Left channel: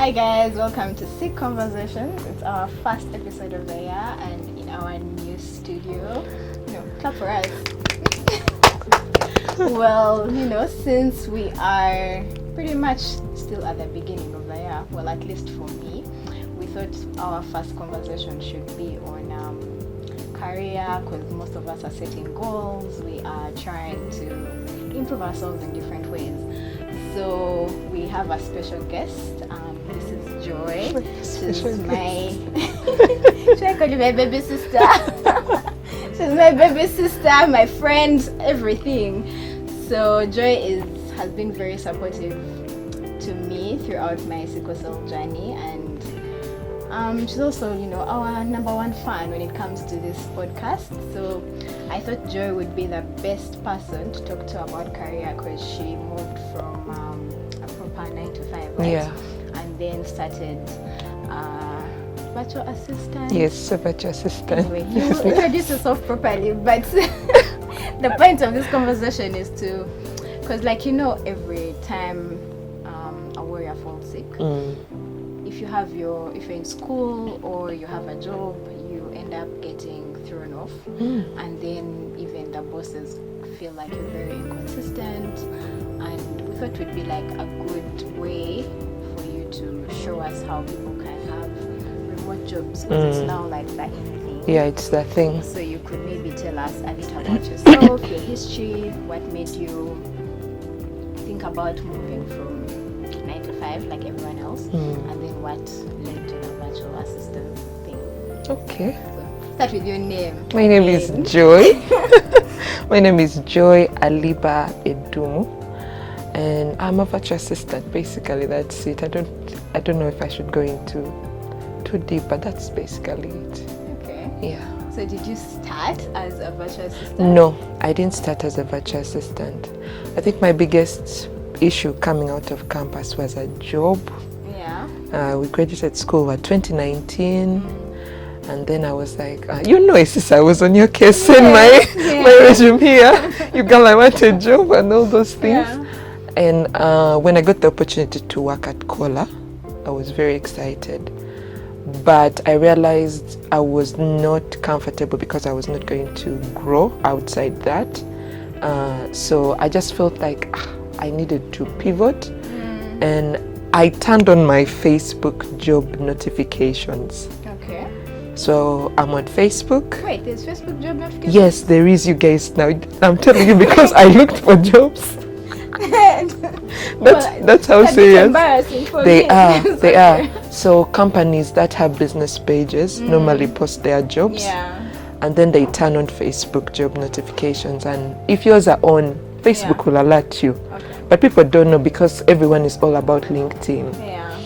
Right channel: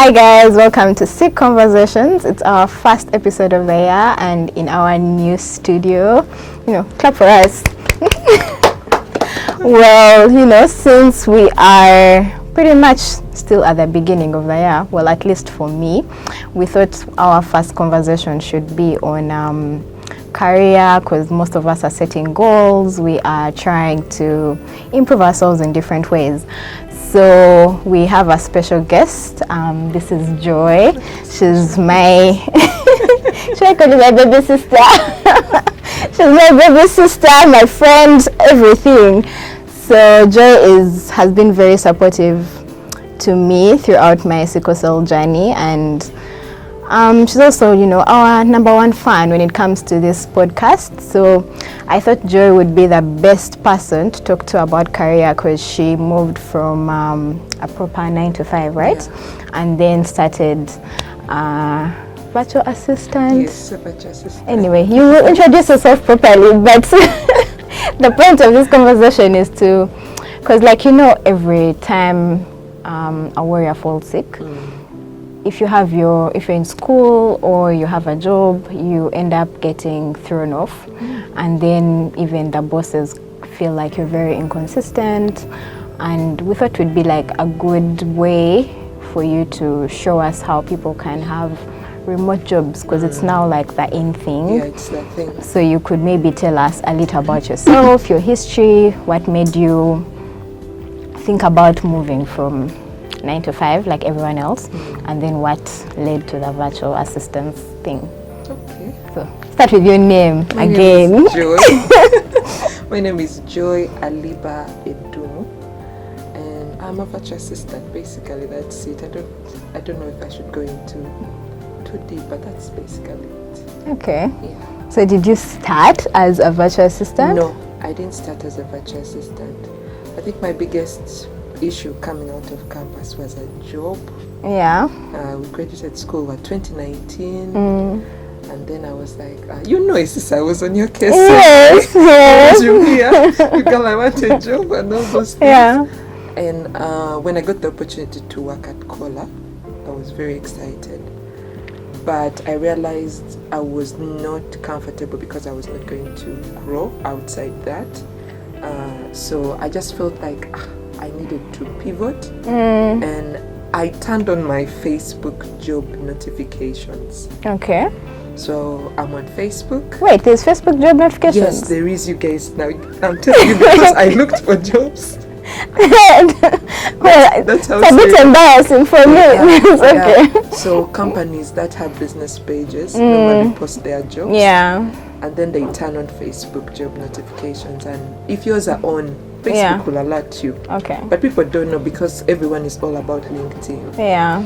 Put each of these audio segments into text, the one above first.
Hi guys, welcome to Sick Conversations. It's our first episode of the year and in our new studio. Clap for us. Well, since we are pretty much still at the beginning of the year, well, at least for me, we thought our first conversation should be on career, because most of us are setting goals. We are trying to improve ourselves in different ways. So we have a special guest. This is Joy. She's my should I call you my baby sister? She's my baby sister, my friend, everything. So Joy has been very supportive to me throughout my sickle cell journey, and she's also, our number one fan when it comes to this podcast. So I thought Joy would be the best person to talk to about career, because she moved from a proper 9-to-5, right? Yeah. And then started virtual assistant. Yes, a virtual assistant. Anyway, you will introduce yourself properly, but the point of this conversation is to, because every time a warrior falls sick, if you're in school or you have a job, you end up getting thrown off, and then even the bosses feel like you're very inconsistent. And we thought it would be like a good way for you to show us how people can have remote jobs, because it's now like the in thing. Yeah, it's the thing. So you could maybe tell us a little about yourself, your history, what made you think about moving from 9-to-5 like everyone else, and then what led to the virtual assistance thing. Okay. So start with your name My again. name is Joy. My name is Joy Aliba Edumu, and I'm a virtual assistant. Basically, that's it. I don't know if I should go into too deep, but that's basically it. Okay. Yeah. So did you start as a virtual assistant? No, I didn't start as a virtual assistant. I think my biggest issue coming out of campus was a job. Yeah. We graduated school in 2019, and then I was like, sis, I was on your case. Yes, my resume here. You girl, I want a job and all those things. Yeah. And when I got the opportunity to work at Cola, I was very excited. But I realized I was not comfortable because I was not going to grow outside that. So I just felt like I needed to pivot, and I turned on my Facebook job notifications. Okay. So I'm on Facebook. Wait, there's Facebook job notifications? Yes, there is, you guys. Now I'm telling you because I looked for jobs. That's how it's a bit embarrassing for me. Okay. So companies that have business pages normally post their jobs. Yeah. And then they turn on Facebook job notifications, and if yours are on, Facebook will alert you. Okay. But people don't know because everyone is all about LinkedIn. Yeah.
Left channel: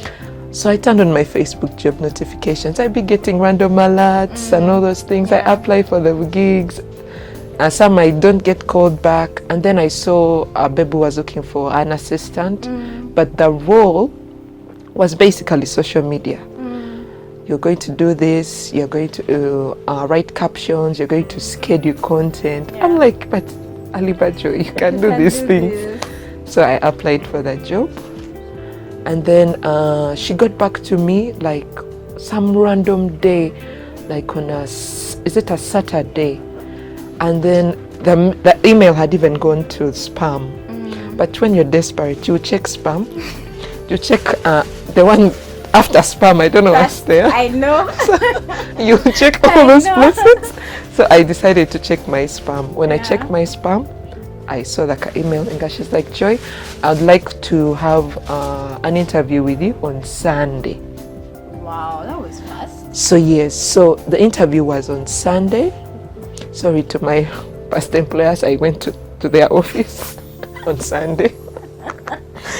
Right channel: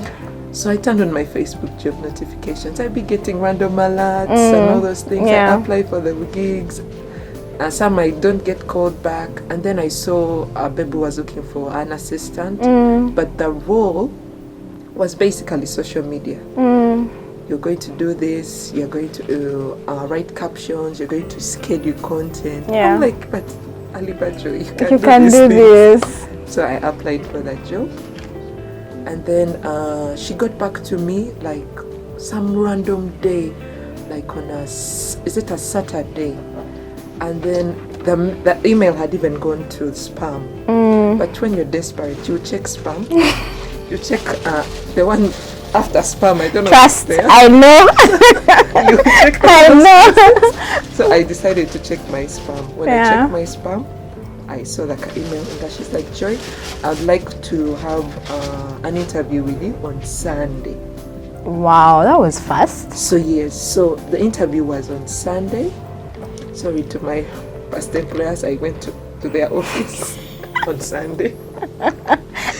So I turned on my Facebook job notifications. I'd be getting random alerts and all those things. Yeah. I apply for the gigs. Some I don't get called back. And then I saw Bebu was looking for an assistant. But the role was basically social media. You're going to do this. You're going to write captions. You're going to schedule content. Yeah. I'm like, but Alibajo, you can do can these do things. this. So I applied for that job, and then she got back to me like some random day, like on a Saturday, and then the email had even gone to spam. But when you're desperate, you check spam. You check the one after spam. I don't know what's there. I know. You check all those places. So I decided to check my spam. When I checked my spam, I saw like an email, and she's like, Joy, I'd like to have an interview with you on Sunday. Wow, that was fast. So yes, so the interview was on Sunday. Sorry to my past employers, I went to their office on Sunday.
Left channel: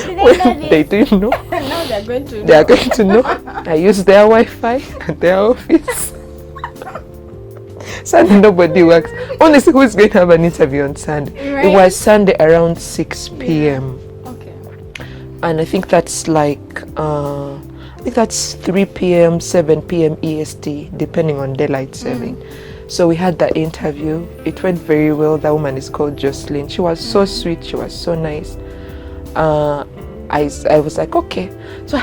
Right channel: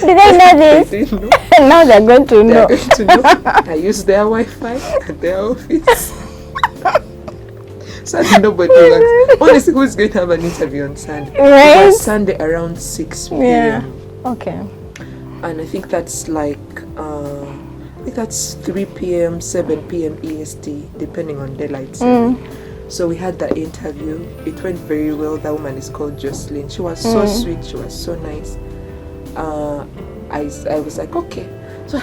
Did they know this? They didn't know. Now they're going to know. They're going to know. I used their Wi-Fi at their office. Sunday nobody works. Honestly, who's going to have an interview on Sunday? Right? It was Sunday around 6 p.m. Yeah. Okay. And I think that's like, 3 p.m., 7 p.m. EST, depending on daylight saving. So we had that interview. It went very well. That woman is called Jocelyn. She was so sweet. She was so nice. I was like, okay. So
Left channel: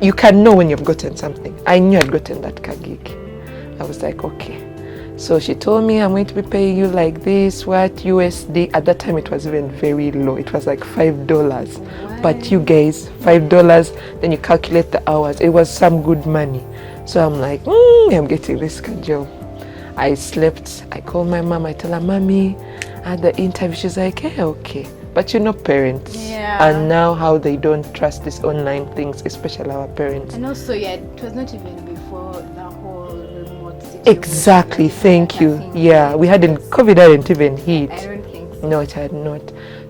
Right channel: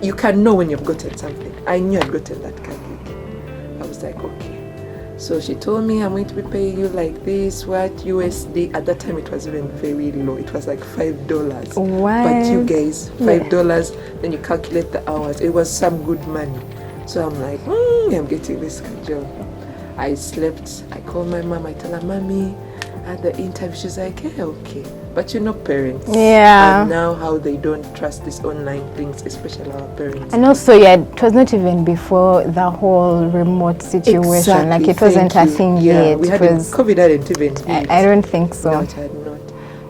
you can know when you've gotten something. I knew I'd gotten that car gig. I was like, okay. So she told me, I'm going to be paying you like this, what, USD. At that time, it was even very low. It was like $5. What? But you guys, $5, then you calculate the hours. It was some good money. So I'm like, I'm getting this job. I slept. I called my mom. I tell her, Mommy, I had the interview. She's like, hey, okay. But you know parents. Yeah. And now how they don't trust these online things, especially our parents. And also, it was not even before the whole remote situation. Exactly. Like, it wasn't a thing Yeah, yet. we hadn't, COVID hadn't even hit. I don't think so. No, it had not.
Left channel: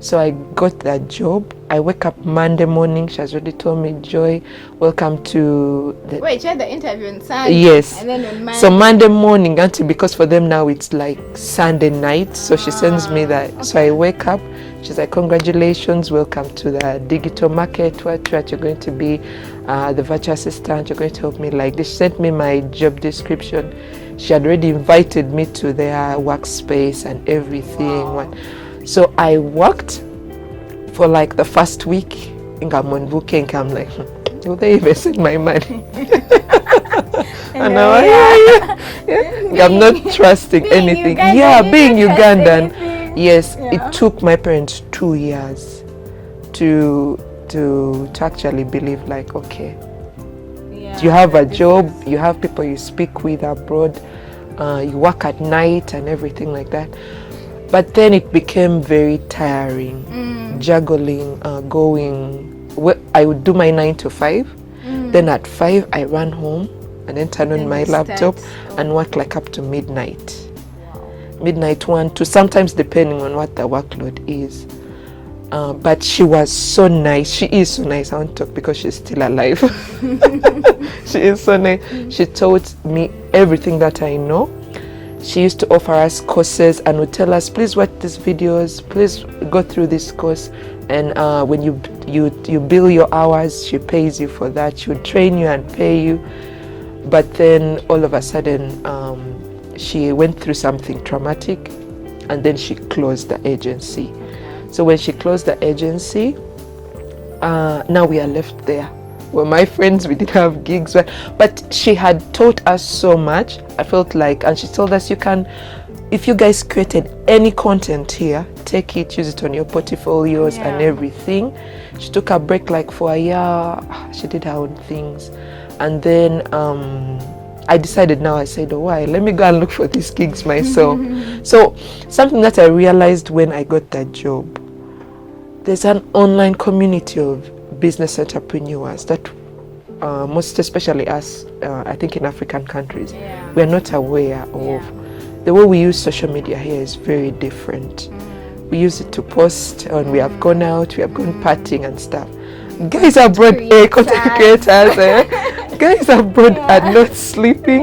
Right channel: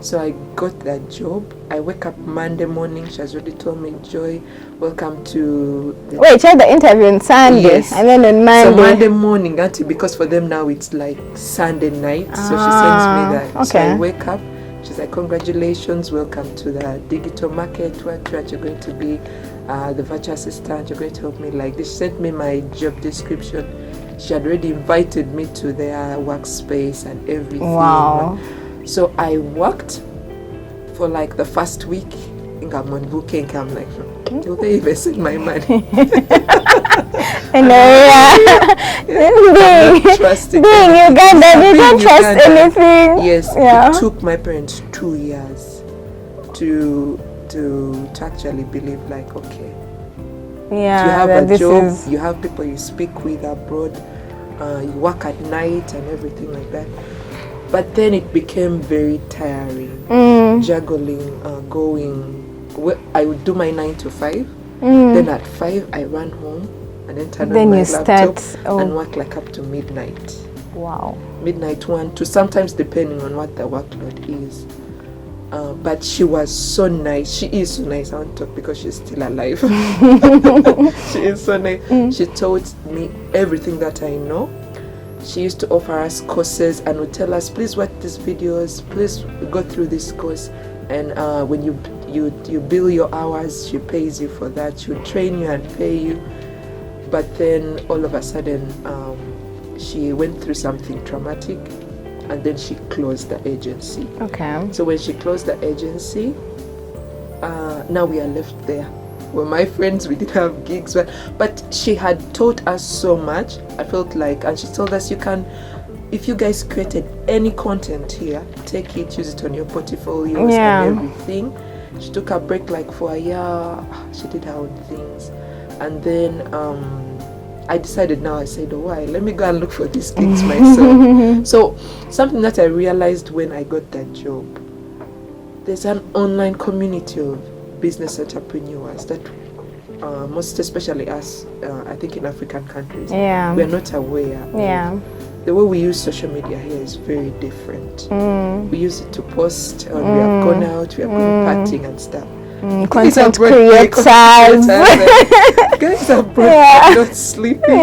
So I got that job. I wake up Monday morning. She has already told me, Joy, welcome to... Wait, you had the interview on Sunday? Yes. And then on Monday? So Monday morning, auntie, because for them now it's like Sunday night. So she sends me that. Okay. So I wake up. She's like, congratulations, welcome to the digital market. What you're going to be the virtual assistant. You're going to help me like this. She sent me my job description. She had already invited me to their workspace and everything. Wow. So I worked for like the first week in Gamonbuke. I'm like, will they even send my money? I'm not trusting anything. Being Uganda. Yes, it took my parents 2 years to actually believe like, okay, you have a job, you have people you speak with abroad, you work at night and everything like that. But then it became very tiring, juggling, I would do my 9 to 5, then at 5 I ran home and then turn on my laptop and work like up to midnight. Wow. Midnight 1 to sometimes depending on what the workload is. But she was so nice. She is so nice. I won't talk because she's still alive. She is so nice. She taught me everything that I know. She used to offer us courses and would tell us, please watch these videos, please go through this course. And when you bill your hours, she pays you for that. She would train you and pay you. But then all of a sudden, she went through something traumatic and then she closed the agency. Okay. So when she closed the agency, now we are left there. Well, my friends, we did have gigs, but she had taught us so much. I felt like, and she told us, you can, if you guys created any content here, take it, use it on your portfolios and everything. She took a break like for a year. She did her own things. And then I decided now, I said, oh, why? Let me go and look for these gigs myself. So something that I realized when I got that job, there's an online community of business entrepreneurs that most especially us, I think in African countries, we're not aware of. The way we use social media here is very different. We use it to post, and we have gone out, we have gone partying and stuff. Guys abroad, guys abroad are not sleeping.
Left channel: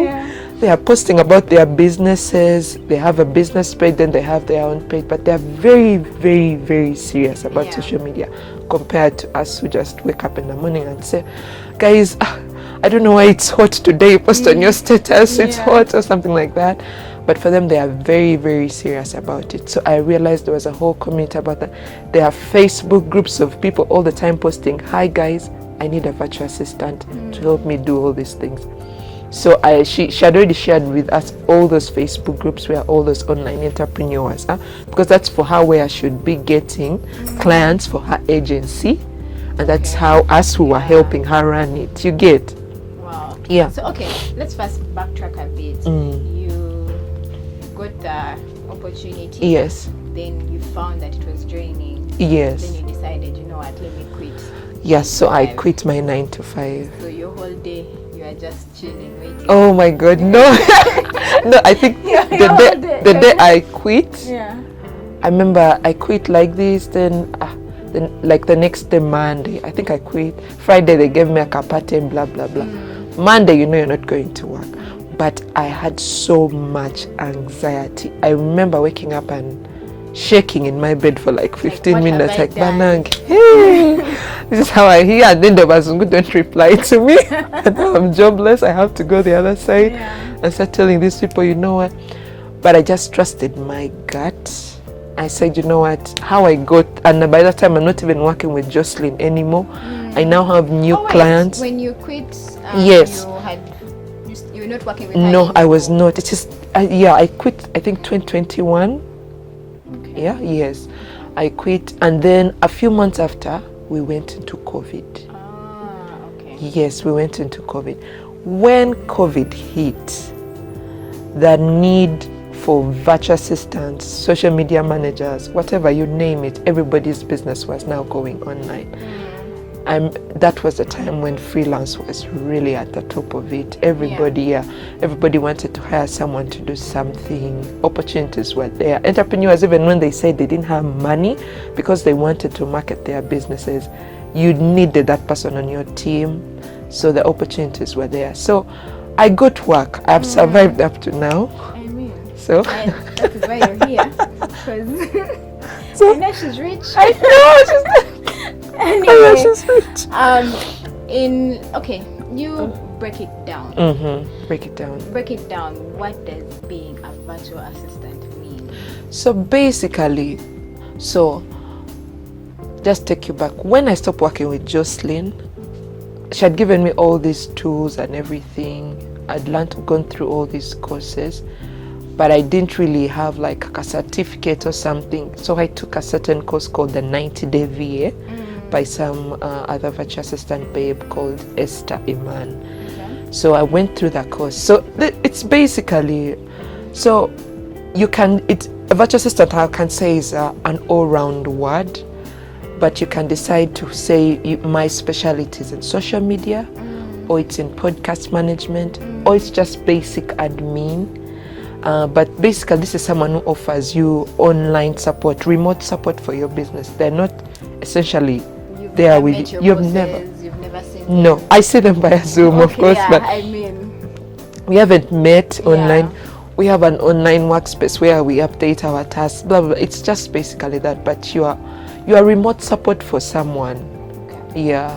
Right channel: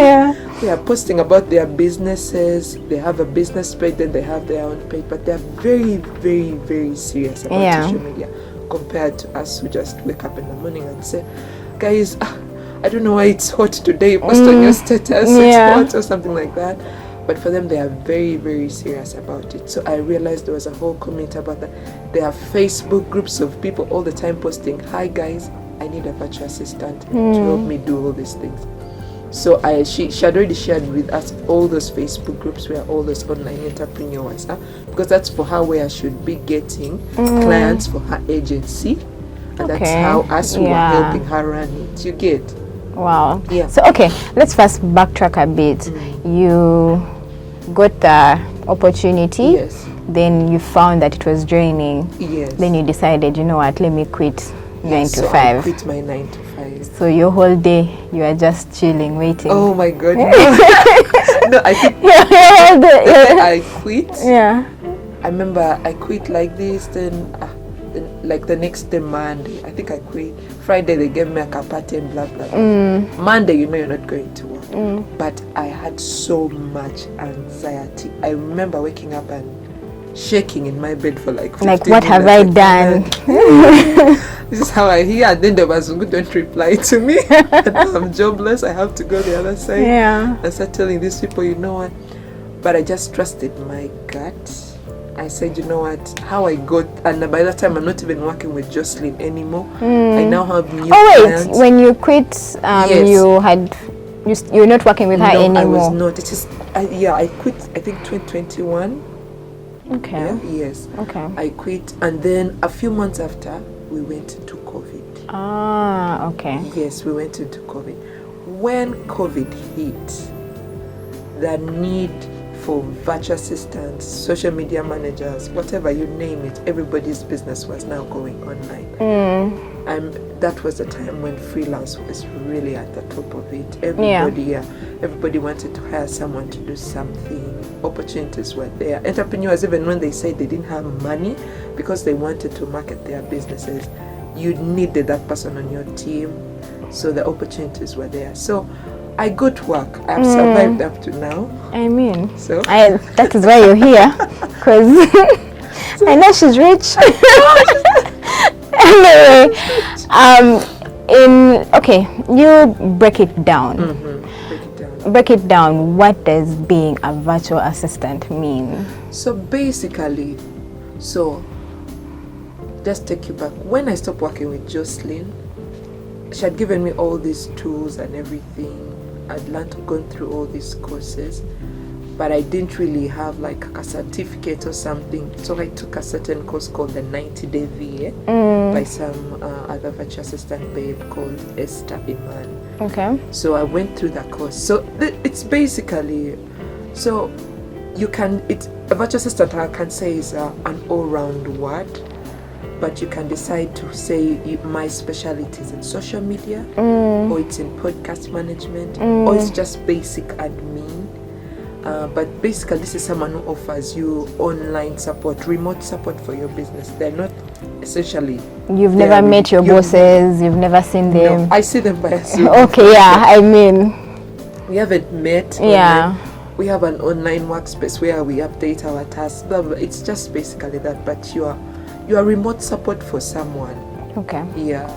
They are posting about their businesses. They have a business page, then they have their own page, but they're very, very, very serious about social media compared to us who just wake up in the morning and say, guys, I don't know why it's hot today, post on your status, it's hot or something like that. But for them, they are very, very serious about it. So I realized there was a whole community about that. There are Facebook groups of people all the time posting, hi guys, I need a virtual assistant to help me do all these things. So she had already shared with us all those Facebook groups where all those online entrepreneurs are, because that's for her where I should be getting clients for her agency. And that's how us who were helping her run it. You get? Wow. Yeah. So, okay, let's first backtrack a bit. You got the opportunity. Yes. Then you found that it was draining. Yes. Then you decided, you know what, let me quit. Yes, so I quit my 9 to 5. So your whole day, you are just chilling, waiting. Oh my God, no. No, I think the day I quit, I remember I quit like this, then like the next day, Monday, I think I quit. Friday, they gave me a kapate, blah, blah, blah. Monday, you know you're not going to work. But I had so much anxiety. I remember waking up and shaking in my bed for like 15 minutes. What have I done? This is how I hear. And then the person don't reply to me. I'm jobless. I have to go the other side. And start telling these people, you know what? But I just trusted my gut. I said, you know what, how I got, and by that time I'm not even working with Jocelyn anymore. I now have new clients. When you quit, Yes. you're not working with her anymore? No, I was not. It is, I quit, I think 2021. Okay. Yeah, yes. Okay. I quit, and then a few months after, we went into COVID. Ah, okay. Yes, we went into COVID. When COVID hit, the need for virtual assistants, social media managers, whatever you name it, everybody's business was now going online. That was the time when freelance was really at the top of it. Everybody wanted to hire someone to do something. Opportunities were there. Entrepreneurs, even when they said they didn't have money because they wanted to market their businesses, you needed that person on your team. So the opportunities were there. So I got work. I've survived up to now. I mean, so that is why you're here, because I know she's rich. Anyway, you break it down. Break it down. What does being a virtual assistant mean? So basically, just take you back. When I stopped working with Jocelyn, she had given me all these tools and everything. I'd learned to go through all these courses, but I didn't really have like a certificate or something. So I took a certain course called the 90-day VA by some other virtual assistant babe called Esther Iman. Okay. So I went through that course. So it's basically, so you can, a virtual assistant I can say is an all-round word, but you can decide to say my specialty is in social media, or it's in podcast management, or it's just basic admin. But basically, this is someone who offers you online support, remote support for your business. They're not essentially. You've never met your bosses. You've never seen them. No, I see them by Zoom. Okay, yeah. I mean, we haven't met online. Yeah. We have an online workspace where we update our tasks. Blah, blah, blah. It's just basically that. But you are remote support for someone. Okay. Yeah.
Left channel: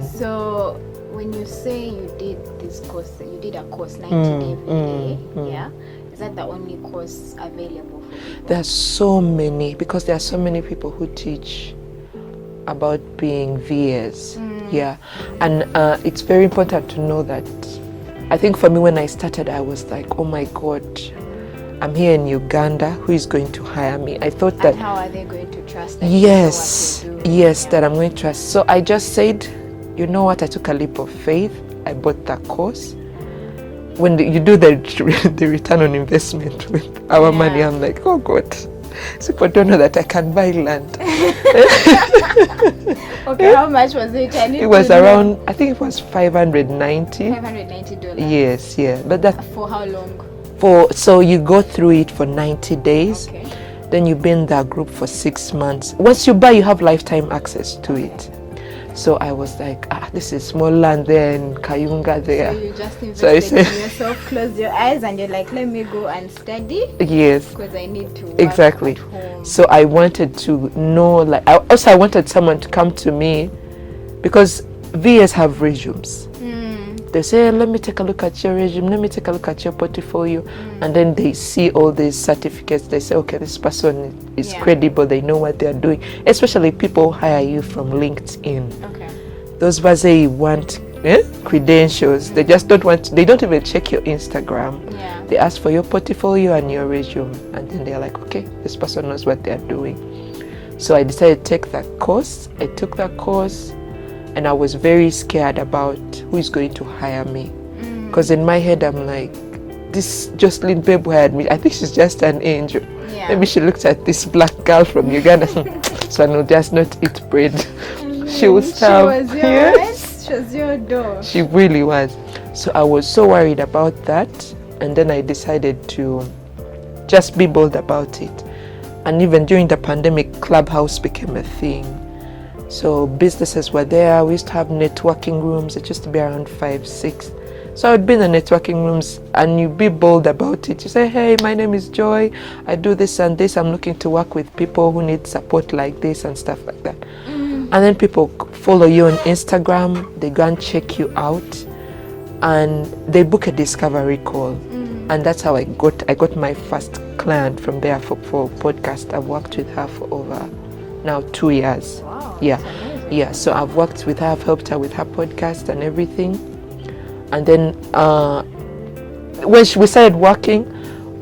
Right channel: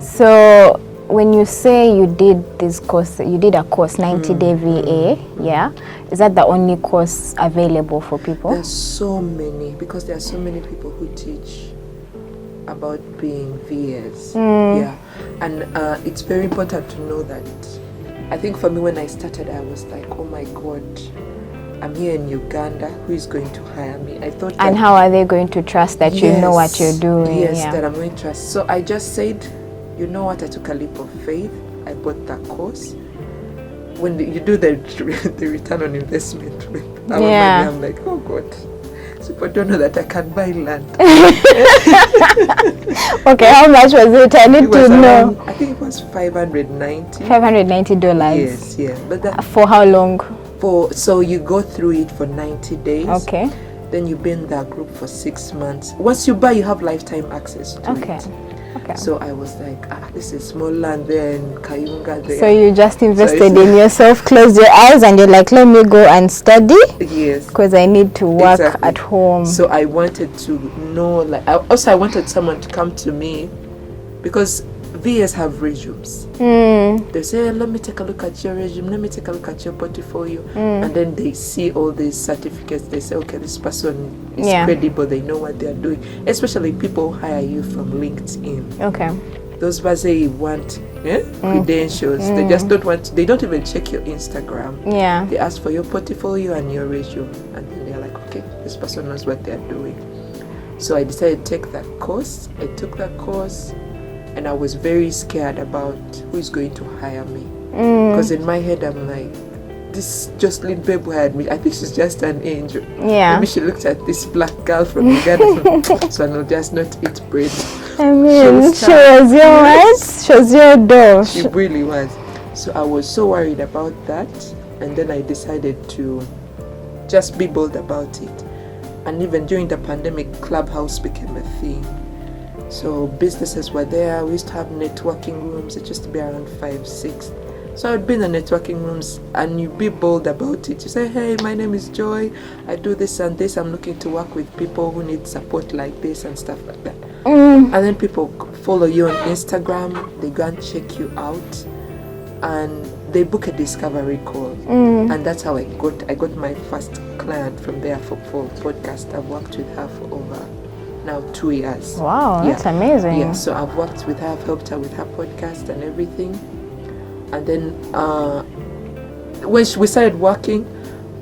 So when you say you did this course, you did a course, 90-day VA, yeah? Is that the only course available for people? There's so many, because there are so many people who teach about being VAs. Yeah. And it's very important to know that. I think for me, when I started, I was like, oh my God, I'm here in Uganda, who is going to hire me? I thought that. And how are they going to trust that you know what you're doing? Yes, that I'm going to trust. So I just said, you know what, I took a leap of faith. I bought that course. When you do the return on investment with our money, I'm like, oh God, people don't know that I can buy land. Okay, how much was it? I need it was to around, know. I think it was $590. $590. Yes, yeah. But that for how long? So you go through it for 90 days. Okay. Then you be in that group for 6 months. Once you buy, you have lifetime access to it. Okay. So I was like, this is small land there in Kayunga there. So you just invested in yourself, closed your eyes, and you're like, let me go and study. Yes. Because I need to work at home. So I wanted to know, like, I wanted someone to come to me, because VAs have resumes. They say, let me take a look at your resume, let me take a look at your portfolio. And then they see all these certificates. They say, okay, this person is credible, they know what they're doing. Especially people who hire you from LinkedIn. Okay. Those Bazei want credentials. They just don't want, they don't even check your Instagram. Yeah. They ask for your portfolio and your resume. And then they're like, okay, this person knows what they're doing. So I decided to take that course. I took that course. And I was very scared about who is going to hire me. Because in my head, I'm like, this Jocelyn babe who hired me, I think she's just an angel. Yeah. Maybe she looked at this black girl from Uganda, so no, just not eat bread. I mean, she was your what? She was your doll. She really was. So I was so worried about that. And then I decided to just be bold about it. And even during the pandemic, Clubhouse became a thing. So businesses were there. We used to have networking rooms. It used to be around 5, 6. So I would be in the networking rooms and you be bold about it. You say, hey, my name is Joy. I do this and this. I'm looking to work with people who need support like this and stuff like that. And then people follow you on Instagram. They go and check you out. and they book a discovery call, and that's how I got my first client from there for podcast. I've worked with her for over now 2 years. Wow, that's amazing. Yeah, so I've worked with her, I've helped her with her podcast and everything. And then when we started working,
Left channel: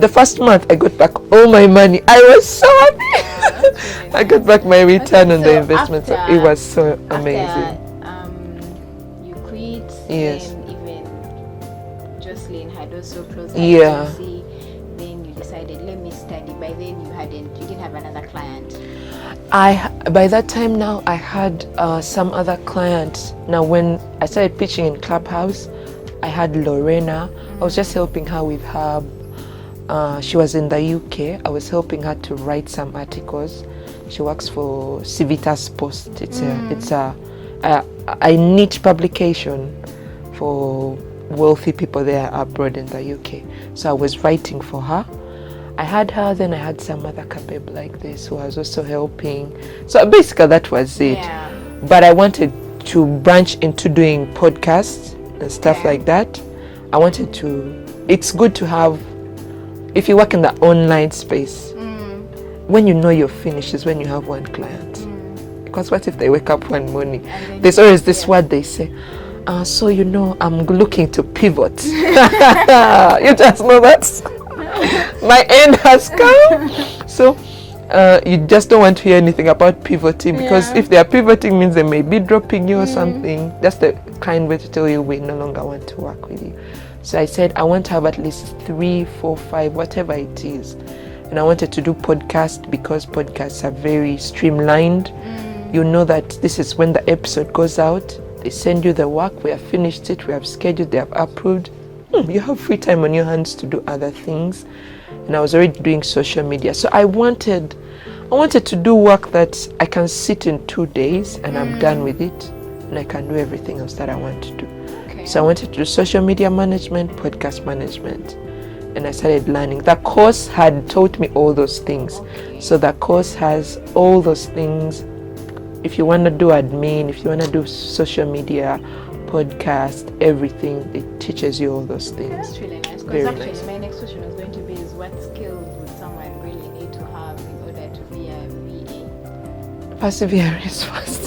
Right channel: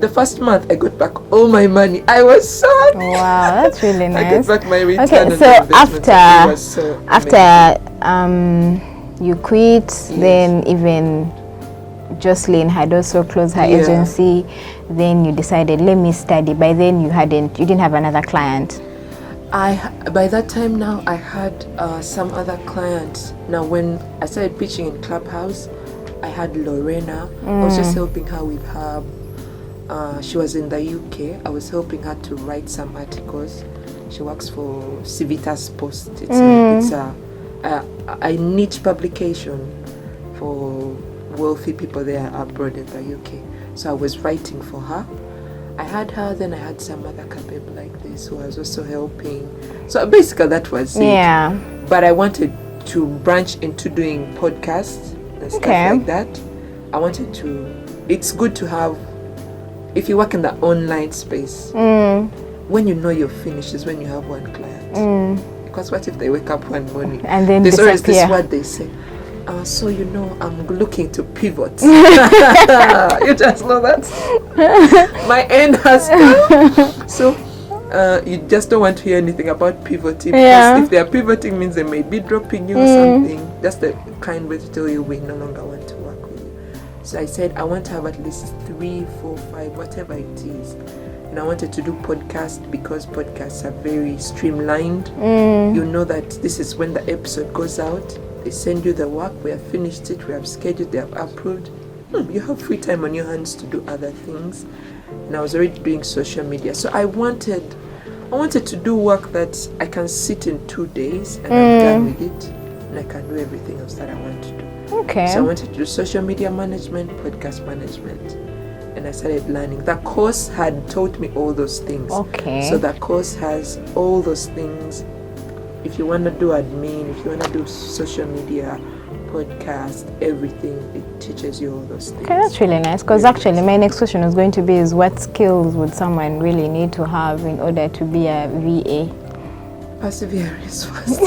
the first month I got back all my money. I was so happy. Wow, that's really nice. I got back my return on the investment. It was so amazing. After you quit, then even Jocelyn had also closed her agency. Then you decided, let me study. By then you didn't have another client. By that time now, I had some other clients. Now, when I started pitching in Clubhouse, I had Lorena. I was just helping her with her. She was in the UK. I was helping her to write some articles. She works for Civitas Post. It's a niche publication for wealthy people there abroad in the UK. So I was writing for her. I had her, then I had some other babe like this who I was also helping. So basically that was it. Yeah. But I wanted to branch into doing podcasts and stuff like that. I wanted to, it's good to have, if you work in the online space, when you know you're finished is when you have one client. Because what if they wake up one morning and then there's always this word they say, so you know I'm looking to pivot. You just know that my end has come. So you just don't want to hear anything about pivoting, because if they are pivoting means they may be dropping you or something. That's the kind way to tell you we no longer want to work with you. So I said I want to have at least 3, 4, 5, whatever it is. And I wanted to do podcasts because podcasts are very streamlined. You know that this is when the episode goes out. They send you the work, we have finished it, we have scheduled, they have approved. You have free time on your hands to do other things. And I was already doing social media. So I wanted to do work that I can sit in 2 days and I'm done with it. And I can do everything else that I want to do. Okay. So I wanted to do social media management, podcast management. And I started learning. The course had taught me all those things. Okay. So the course has all those things. If you want to do admin, if you want to do social media, podcast, everything, it teaches you all those things. Okay, that's really nice. Because actually my next question was going to be is what skills would someone really need to have in order to be a VA? Perseverance first.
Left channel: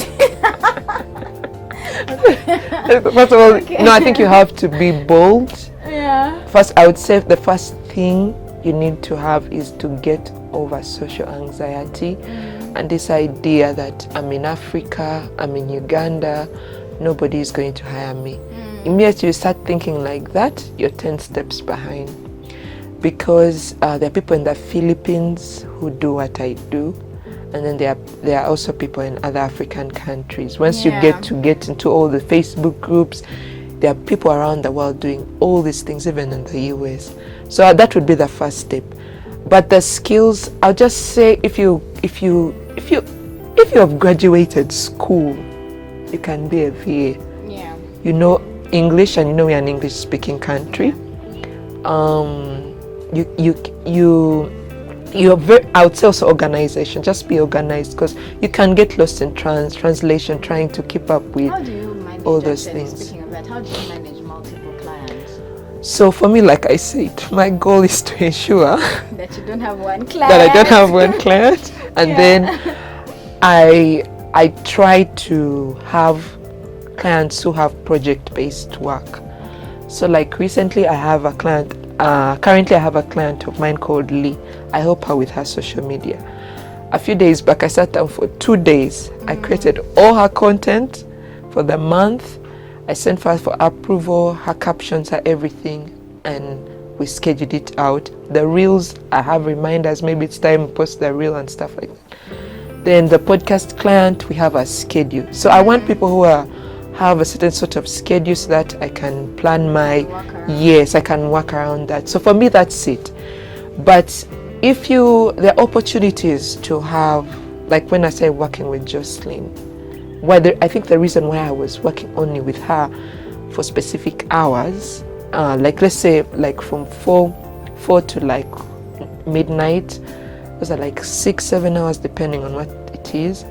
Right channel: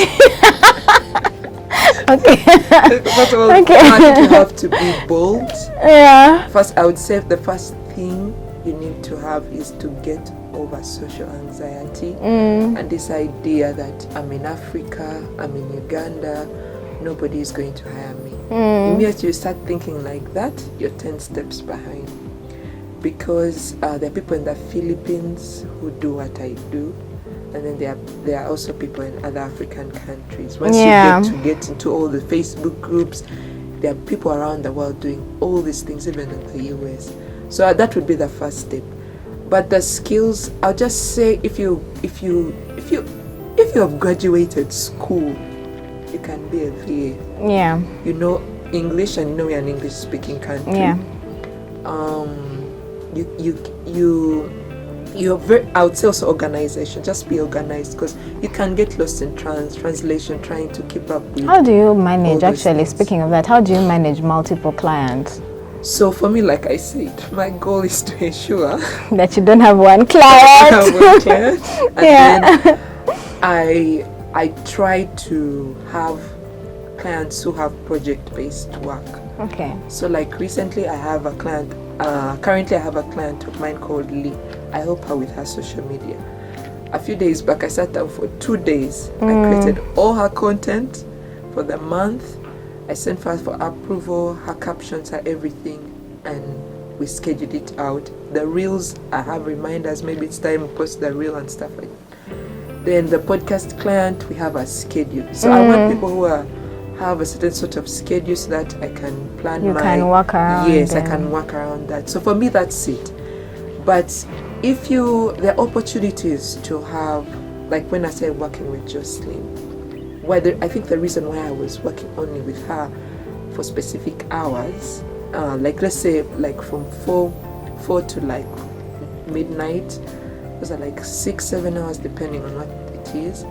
Okay. First of all, I think you have to be bold. Yeah. First, I would say the first thing you need to have is to get over social anxiety and this idea that I'm in Africa, I'm in Uganda, nobody is going to hire me. Immediately you start thinking like that, you're 10 steps behind. Because there are people in the Philippines who do what I do, and then there are also people in other African countries. Once you get into all the Facebook groups, there are people around the world doing all these things, even in the US. So that would be the first step. But the skills, I'll just say, if you have graduated school, you can be a VA. Yeah. You know English, and you know we're an English-speaking country. Yeah. You're very, I would say also organization. Just be organized, because you can get lost in translation, trying to keep up with. How do you manage? Actually, speaking of that, how do you manage multiple clients? So for me, like I said, my goal is to ensure that you don't have one client. That I don't have one client, and then I try to have clients who have project-based work. Okay. So like recently, I have a client. Currently, I have a client of mine called Lee. I help her with her social media. A few days back, I sat down for 2 days. I created all her content for the month. I sent her for approval, her captions, her everything, and we scheduled it out. The reels, I have reminders, maybe it's time to post the reel and stuff like that. Then the podcast client, we have a schedule. So I want people who have a certain sort of schedule so that I can plan I can work around that. So for me, that's it. But if there are opportunities to have, like when I say working with Jocelyn, I think the reason why I was working only with her for specific hours, like let's say like from 4 to like midnight, those are like 6-7 hours depending on what it is.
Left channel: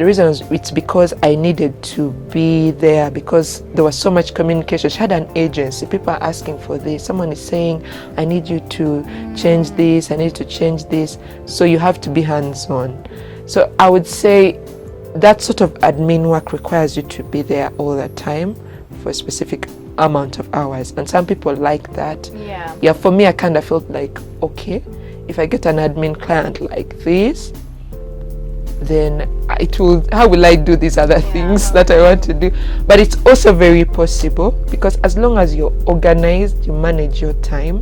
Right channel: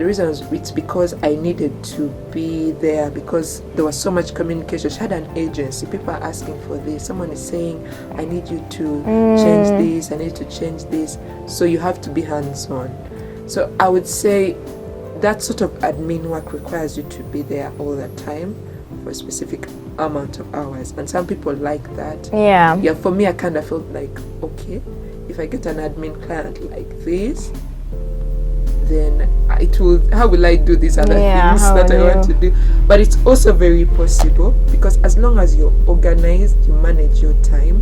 the reason is it's because I needed to be there because there was so much communication. She had an agency. People are asking for this. Someone is saying, I need you to change this. I need to change this. So you have to be hands-on. So I would say that sort of admin work requires you to be there all the time for a specific amount of hours. And some people like that. Yeah, For me, I kind of felt like, okay, if I get an admin client like this, then how will I do these other things that I want to do? But it's also very possible because as long as you're organized, you manage your time,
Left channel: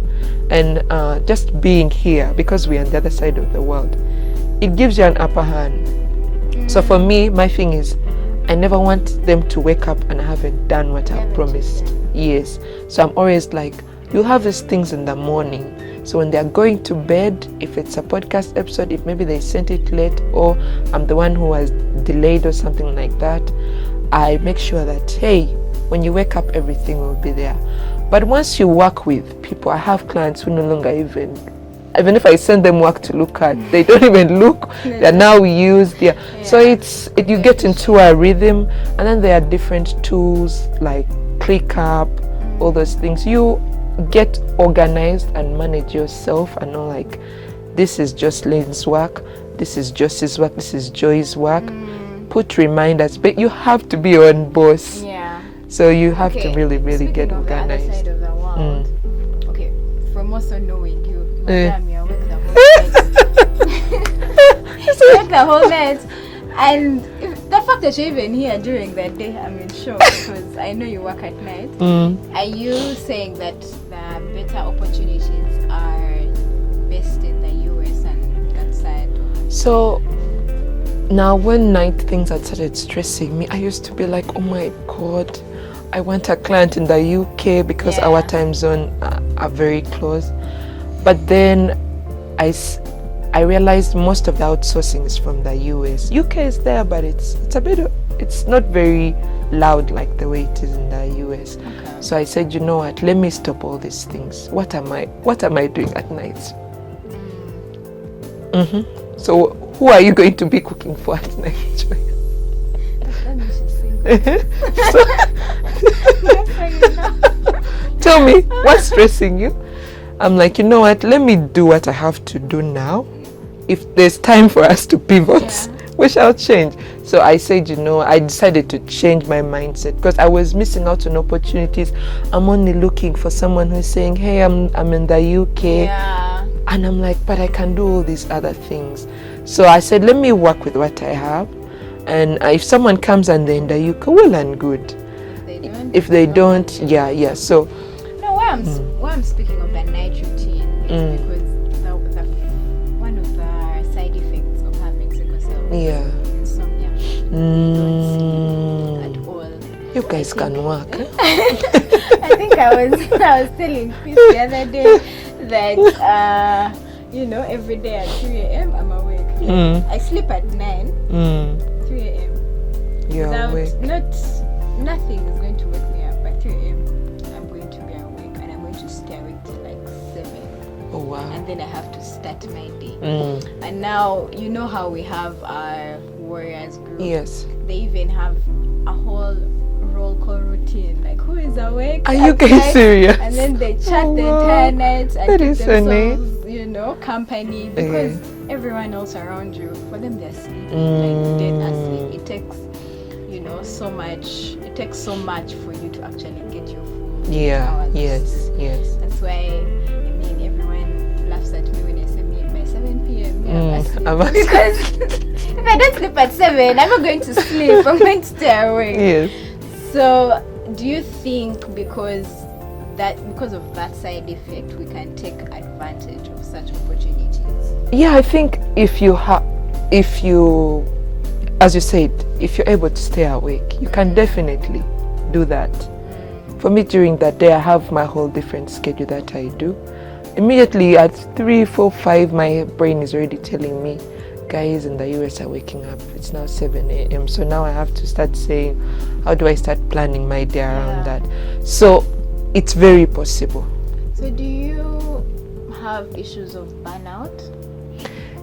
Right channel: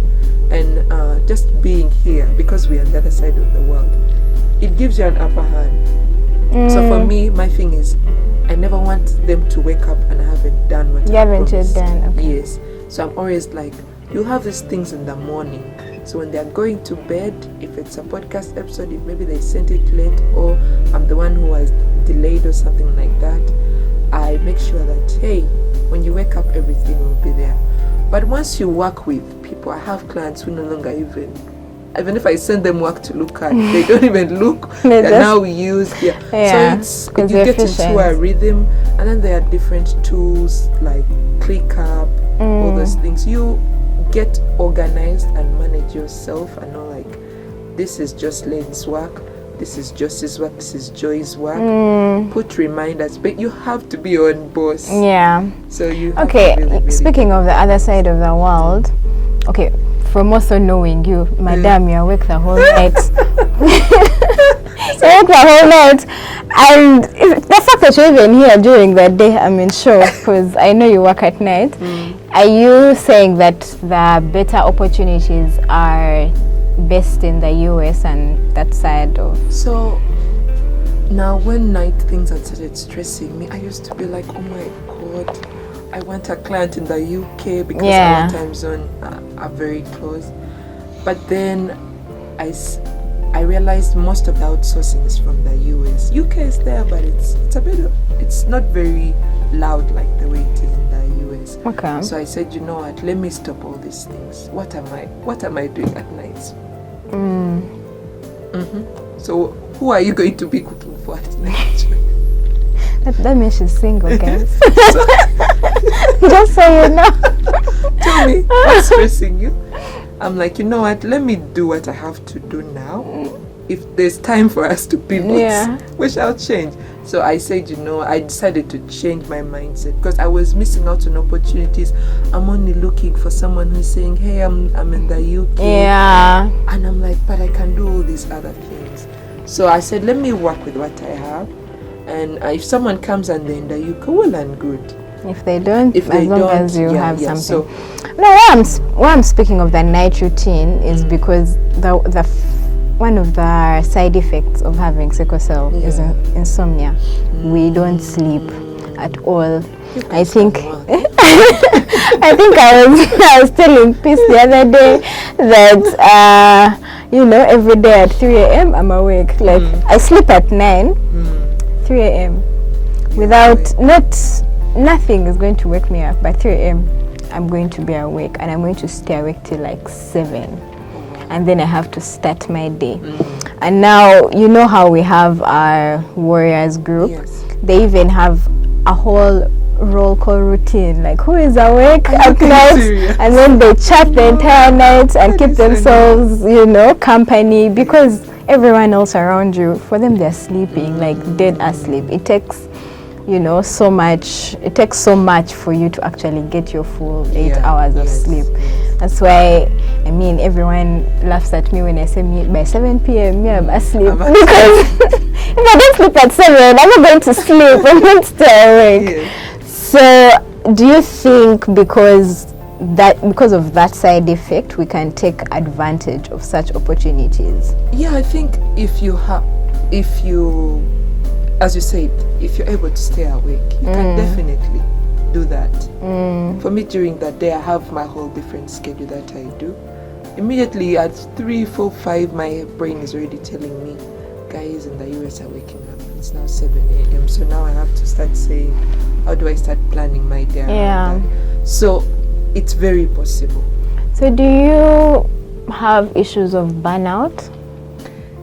and just being here, because we're on the other side of the world, it gives you an upper hand. So for me, my thing is, I never want them to wake up and I haven't done what I promised. Yes. So I'm always like, you have these things in the morning. So when they're going to bed, if it's a podcast episode, if maybe they sent it late or I'm the one who was delayed or something like that, I make sure that, hey, when you wake up, everything will be there. But once you work with people, I have clients who no longer even if I send them work to look at, they don't even look. They're now used. So you get into a rhythm, and then there are different tools like ClickUp, all those things. You get organized and manage yourself and know like, this is Jocelyn's work, this is Josie's work, this is Joy's work. Put reminders, but you have to be your own boss. Yeah. So you have to really speaking of the other side of the world, okay, from also knowing you, madam, you awake the whole night. You awake the whole night. And the fact that you're even here during the day, I'm in shock because I know you work at night. Are you saying that the better opportunities are based in the US and that side of? So now when night things had started stressing me, I used to be like, oh my God, I want a client in the UK because our time zone are very close. But then I realized most of the outsourcing is from the US. UK is there, but it's not very loud like the way it is in the US. Okay. So I said, you know what? Let me stop all these things. What am I doing at night? So who are you going to be cooking for at night? That means she's single, guys. Just so you know. Tell me, what's stressing you? I'm like, you know what? Let me do what I have to do now. If there's time for us to pivot, we shall change. So I said, I decided to change my mindset because I was missing out on opportunities. I'm only looking for someone who's saying, hey, I'm in the UK. Yeah. And I'm like, but I can do all these other things. So I said, let me work with what I have. And if someone comes and they're in the UK, well and good. If they don't, So why I'm speaking of the night routine is because the one of the side effects of having sickle cell is insomnia. We don't sleep at all. I think I was telling Peace the other day that every day at 3 a.m. I'm awake. Like I sleep at 9. 3 a.m. Nothing is going to wake me up. By 3 a.m. I'm going to be awake and I'm going to stay awake till like 7. And then I have to start my day. And now, you know how we have our warriors group? Yes. They even have a whole roll call routine, like who is awake at night, and then they chat the entire night and keep themselves, company because everyone else around you, for them they're sleeping, like dead asleep. It takes so much for you to actually get your full 8 hours of sleep. That's why everyone laughs at me when I say by 7 p.m. I'm asleep because if I don't sleep at 7, I'm not going to sleep. I'm going to stay awake. So do you think because of that side effect we can take advantage of such opportunities? Yeah, I think if you as you said, if you're able to stay awake, you can definitely do that. For me, during that day, I have my whole different schedule that I do. Immediately at 3, 4, 5, my brain is already telling me, guys in the US are waking up. It's now 7 a.m. So now I have to start saying, how do I start planning my day around that? So it's very possible. So do you have issues of burnout?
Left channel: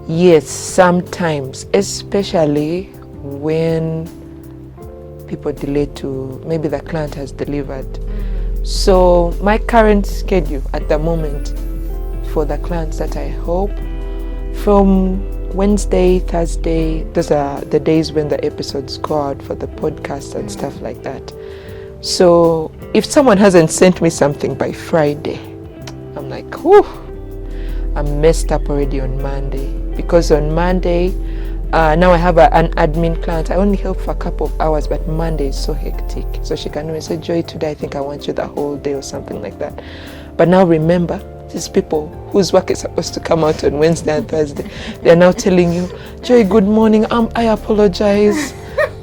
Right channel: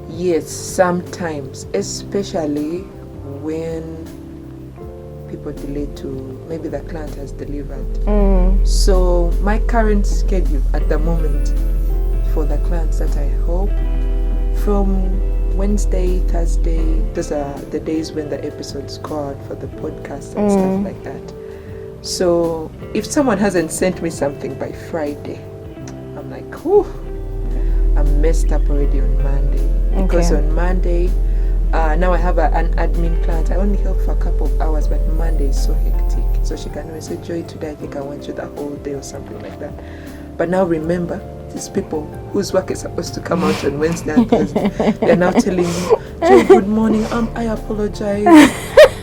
Yes, sometimes, especially when people delay to, maybe the client has delivered. So my current schedule at the moment for the clients that I hope, from Wednesday, Thursday, those are the days when the episodes go out for the podcast and stuff like that. So if someone hasn't sent me something by Friday, I'm like, whew, I'm messed up already on Monday. Because on Monday, now I have an admin client. I only help for a couple of hours, but Monday is so hectic. So she can always say, Joy, today I think I want you the whole day or something like that. But now remember, these people whose work is supposed to come out on Wednesday and Thursday, they're now telling you, Joy, good morning, I apologize.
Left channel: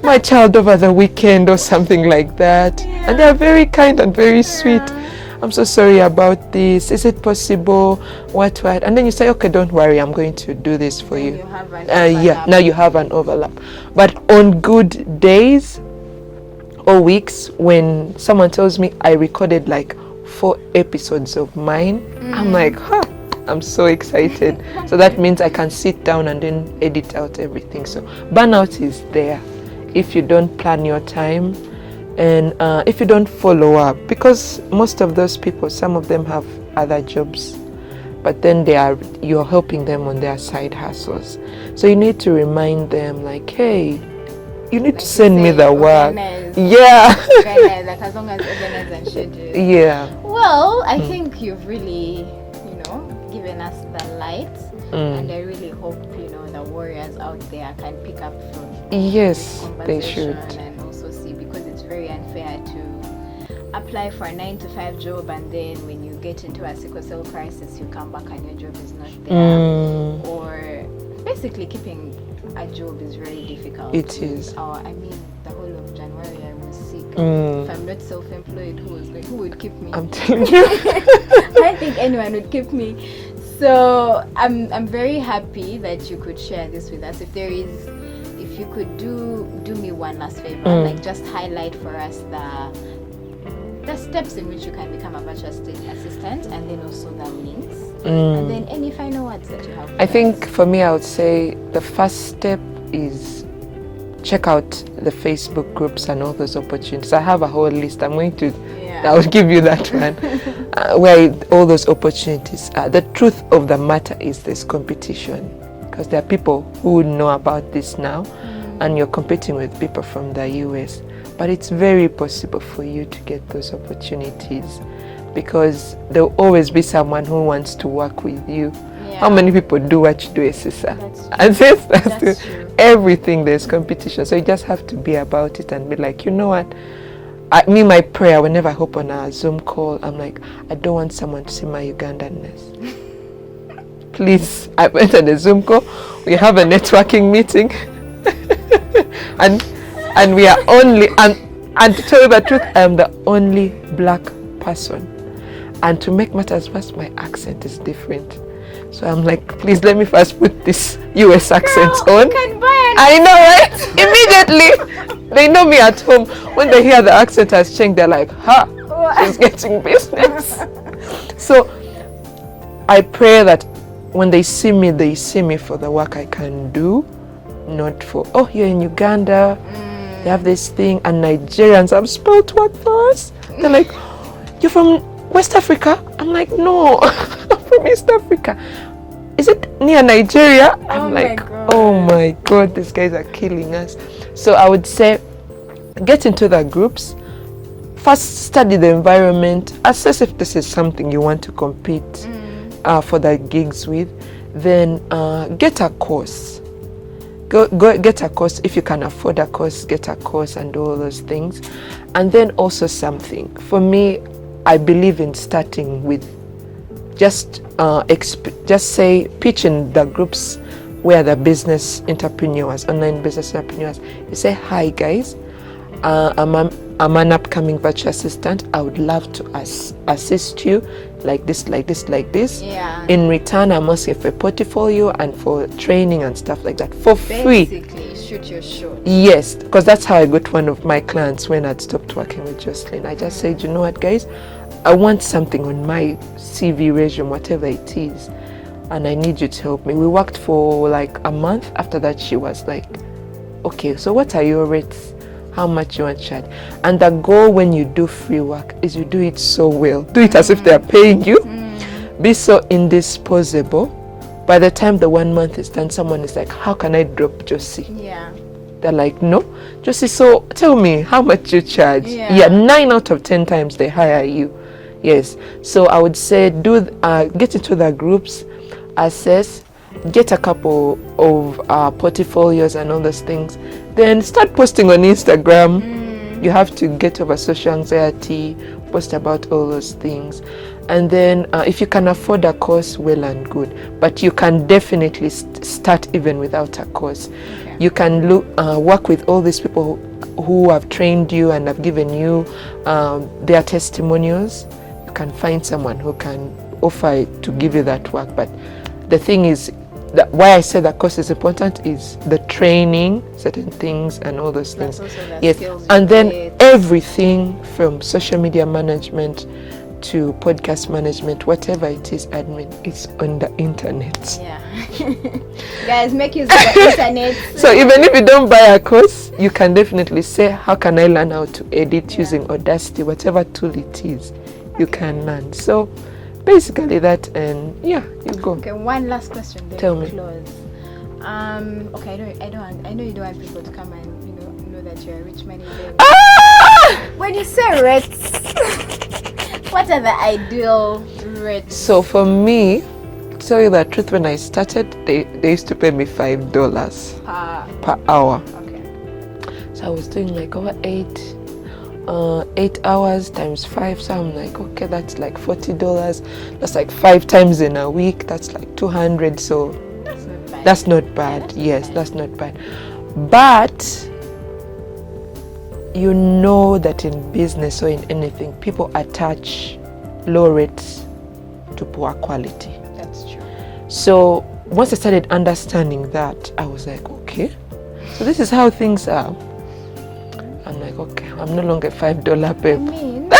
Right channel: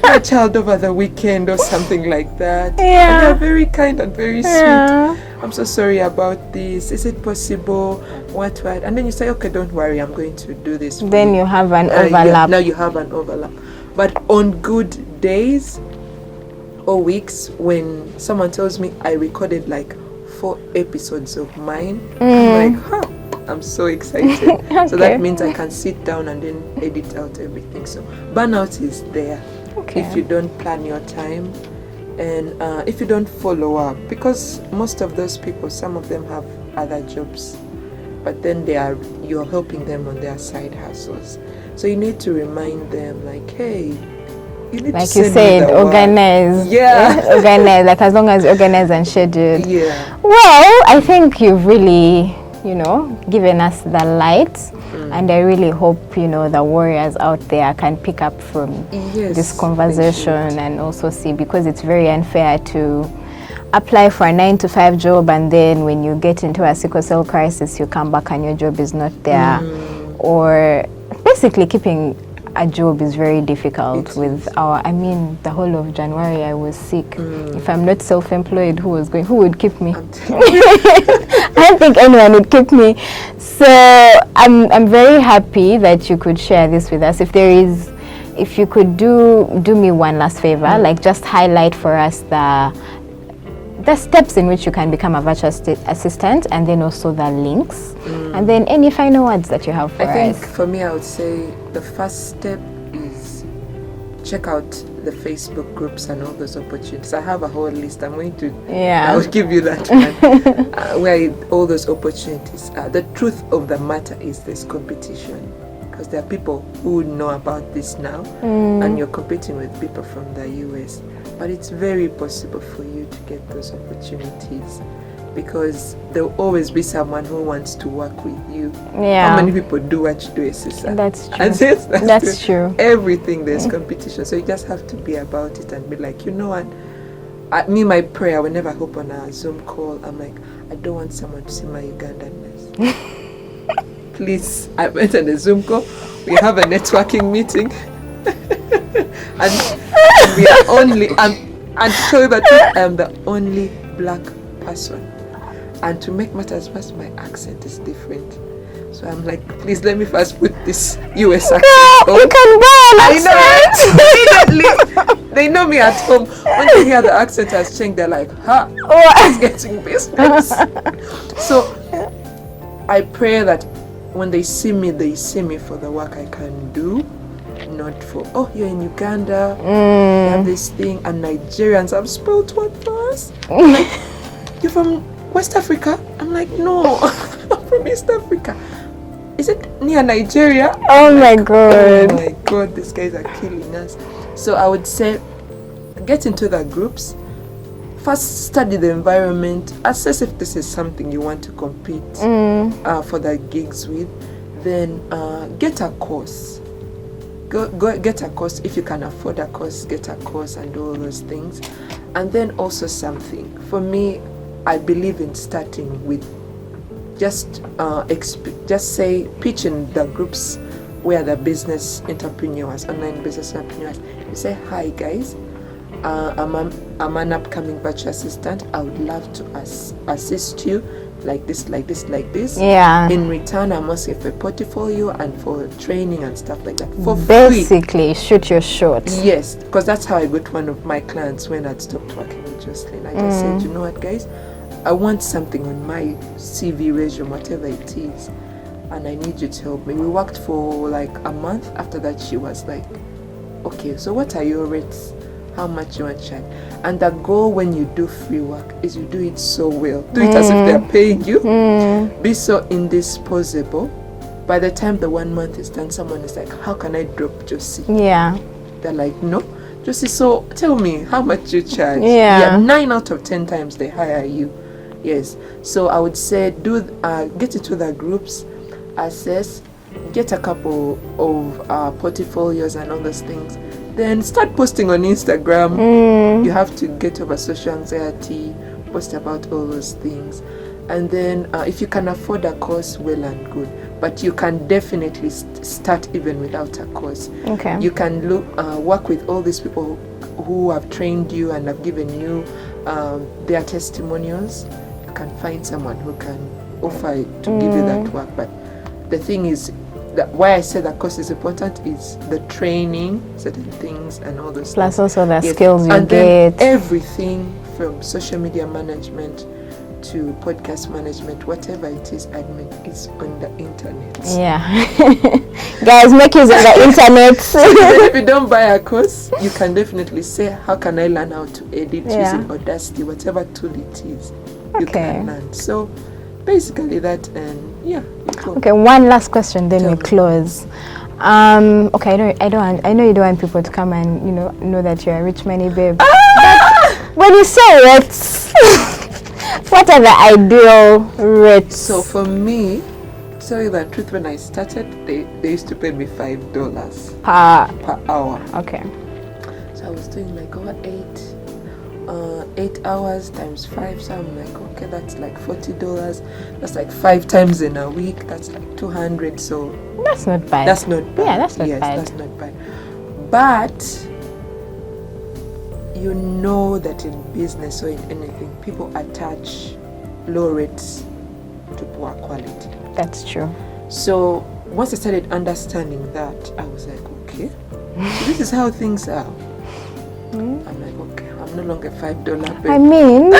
My child over the weekend or something like that. Yeah. And they're very kind and very sweet. I'm so sorry about this. Is it possible? What? And then you say, okay, don't worry, I'm going to do this for you. Then you have an overlap. Yeah, now you have an overlap. But on good days or weeks, when someone tells me I recorded like 4 episodes of mine, I'm like, I'm so excited. Okay. So that means I can sit down and then edit out everything. So burnout is there if you don't plan your time. And if you don't follow up, because most of those people, some of them have other jobs, but then you're helping them on their side hustles. So you need to remind them, like, hey, you need to send me the organize. work. Yeah. Organize, like as long as organize and schedule. Yeah. Well, I think you've really, given us the light. And I really hope, the warriors out there can pick up from this conversation and also see, because it's very unfair to apply for a 9-to-5 job and then when you get into a sickle cell crisis, you come back and your job is not there. Or basically keeping a job is very difficult the whole of January I was sick. If I'm not self-employed, who would keep me? I'm telling you. I don't think anyone would keep me. So I'm very happy that you could share this with us. If you could do me one last favor, like just highlight for us the steps in which you can become a virtual assistant, and then also the links, and then any final words that you have for us. I think for me, I would say the first step is check out the Facebook groups and all those opportunities. I have a whole list. I'm going to, I'll give you that one, where all those opportunities are. The truth of the matter is there's competition, because there are people who know about this now, and you're competing with people from the US. But it's very possible for you to get those opportunities, because there will always be someone who wants to work with you. Yeah. How many people do what you do, sister? That's true. And that's true. Everything, there's competition. So you just have to be about it and be like, you know what? My prayer, whenever I hop on a Zoom call, I'm like, I don't want someone to see my Ugandanness. Please, I went on a Zoom call. We have a networking meeting. and we are only, and to tell you the truth, I am the only black person. And to make matters worse, my accent is different. So I'm like, please let me first put this US accent on. I know, right? Immediately, they know me at home. When they hear the accent has changed, they're like, it's getting business. So I pray that when they see me for the work I can do, not for, you're in Uganda, you have this thing, and Nigerians have spoiled work for us. They're like, you're from West Africa? I'm like, no, I'm from East Africa. Is it near Nigeria? Oh my God. Oh my God, these guys are killing us. So I would say, get into the groups. First, study the environment. Assess if this is something you want to compete for the gigs with. Then get a course. Go get a course. If you can afford a course, get a course and do all those things. And then also something. For me, I believe in starting with just say pitch in the groups where the business entrepreneurs, online business entrepreneurs, you say, hi guys, I'm an upcoming virtual assistant. I would love to assist you like this. Yeah. In return, I'm asking for a portfolio and for training and stuff like that for free. Basically, shoot your shot. Yes, because that's how I got one of my clients when I'd stopped working with Jocelyn. I just said, you know what, guys, I want something on my CV resume, whatever it is, and I need you to help me. We worked for like a month. After that, she was like, okay, so what are your rates? How much you want to charge? And the goal when you do free work is you do it so well. Do it as if they're paying you. Be so indisposable. By the time the 1 month is done, someone is like, how can I drop Josie? Yeah. They're like, no, Josie, so tell me how much you charge. Yeah. 9 out of 10 times they hire you. Yes. So I would say get into the groups, assess, get a couple of portfolios and all those things. Then start posting on Instagram. You have to get over social anxiety, post about all those things. And then if you can afford a course, well and good. But you can definitely start even without a course. Okay. You can work with all these people who have trained you and have given you their testimonials. You can find someone who can offer it to give you that work. But the thing is, why I say that course is important is the training, certain things, and all those Plus things. also the skills you and get. then everything from social media management to podcast management, whatever it is, admin, is on the internet. Yeah. Guys, make use of the internet. So even if you don't buy a course, you can definitely say, how can I learn how to edit using Audacity, whatever tool it is, you can learn. So basically that, and yeah, you go. Okay, one last question, then Tell we me. close. Okay, I know you don't want people to come and know that you're a rich money babe. When you say it, what are the ideal rates? So for me, to tell you the truth, when I started, they used to pay me $5 per hour. Okay. So I was doing like over 8 hours times 5. So I'm like, okay, that's like $40. That's like 5 times in a week. That's like 200. So that's not bad. That's not bad. Yeah, that's not bad. That's not bad. But you know that in business or in anything, people attach low rates to poor quality. That's true. So once I started understanding that, I was like, okay, so this is how things are. I'm like, okay, I'm no longer $5 babe. I mean,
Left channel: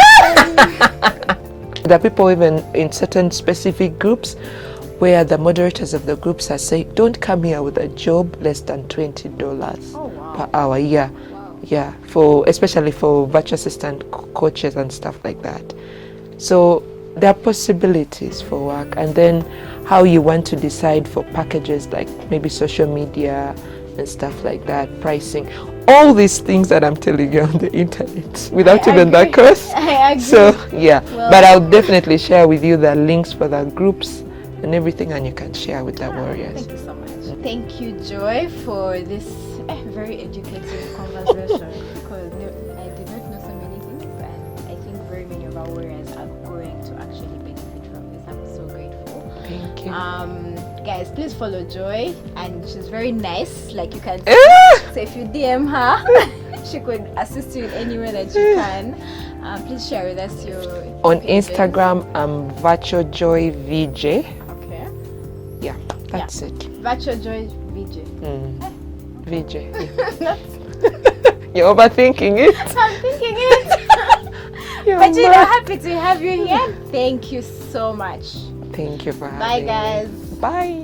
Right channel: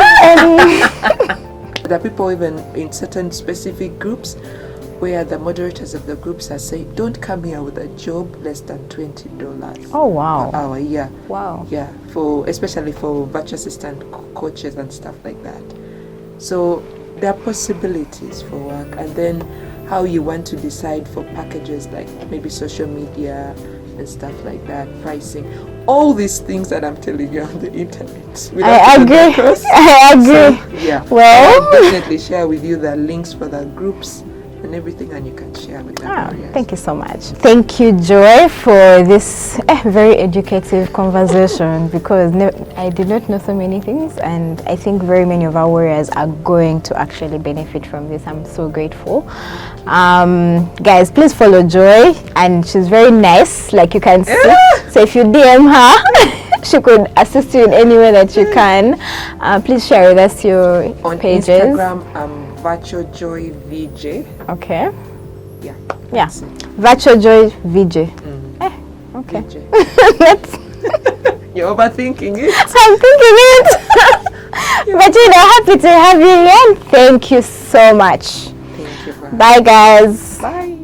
There are people even in certain specific groups where the moderators of the groups are saying, don't come here with a job less than $20 oh wow. per hour. Yeah. Wow. Yeah, especially for virtual assistant coaches and stuff like that. So there are possibilities for work, and then how you want to decide for packages like maybe social media and stuff like that, pricing, all these things that I'm telling you on the internet without even the course. I agree. So yeah, Well, but I'll definitely share with you the links for the groups and everything, and you can share with the warriors. Thank you so much. Thank you, Joy, for this very educative conversation, because I did not know so many things, and I think very many of our warriors are going to actually benefit from this. I'm so grateful. Guys, please follow Joy, and she's very nice, like you can see. So if you DM her, she could assist you in any way that you can. Please share with us your on pages. Instagram, Virtual Joy VJ. Okay. Yeah, that's it. Virtual Joy VJ. Okay. VJ. Let's You're overthinking it. I'm thinking it. But happy to have you again. Thank you so much. Thank you for having Bye, guys. me. Bye.